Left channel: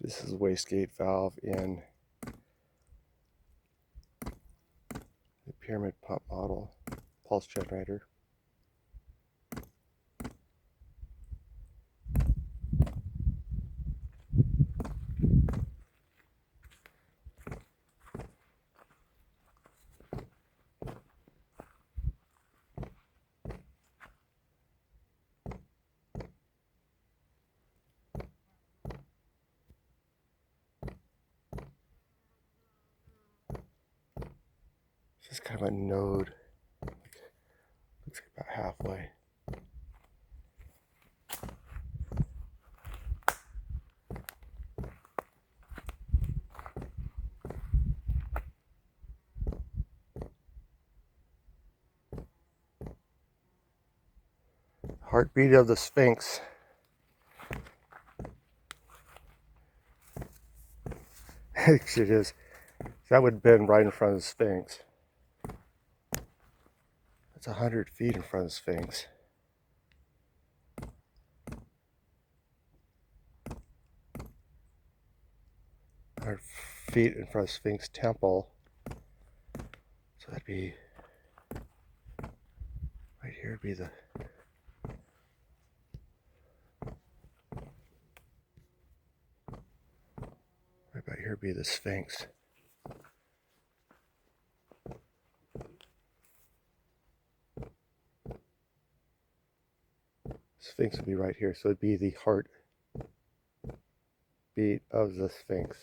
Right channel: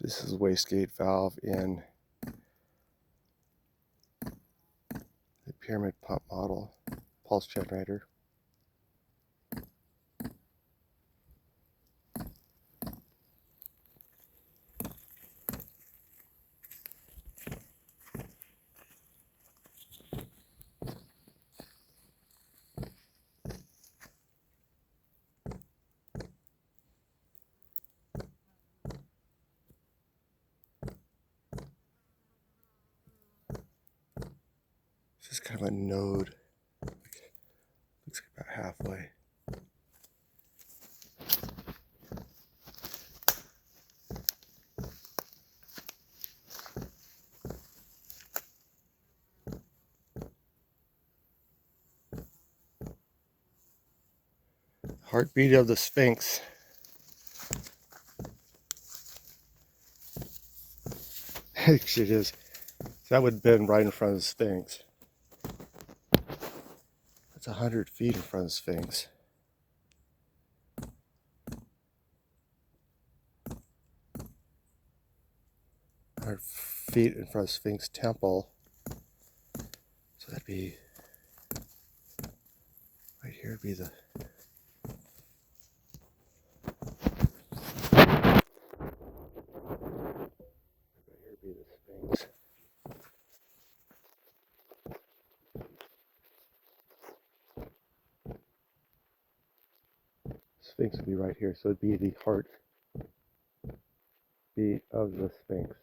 This is a wastegate valve in the pyramid pump model pulse generator. This is kind of a node. Looks like about halfway. Heartbeat of the Sphinx. Actually, it is. That would have been right in front of the Sphinx. That's 100 feet in front of the Sphinx. 100 feet in front of Sphinx Temple. So that'd be right here. Would be the right about here. Would be the Sphinx. Sphinx would be right here, so it'd be the heart beat of the Sphinx.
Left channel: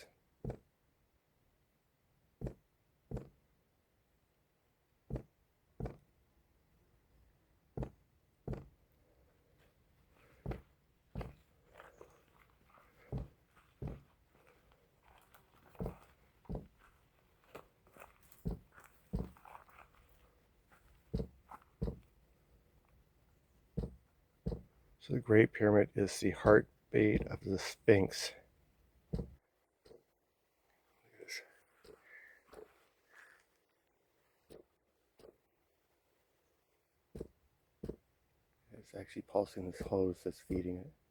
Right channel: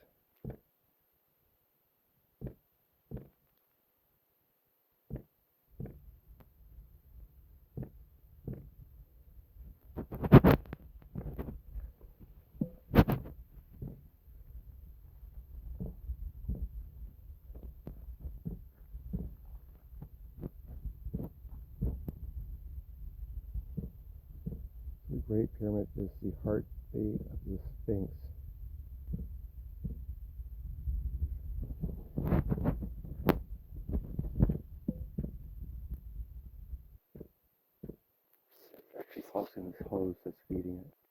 So the Great Pyramid is the heartbeat of the Sphinx. It's actually pulsing this hose that's feeding it.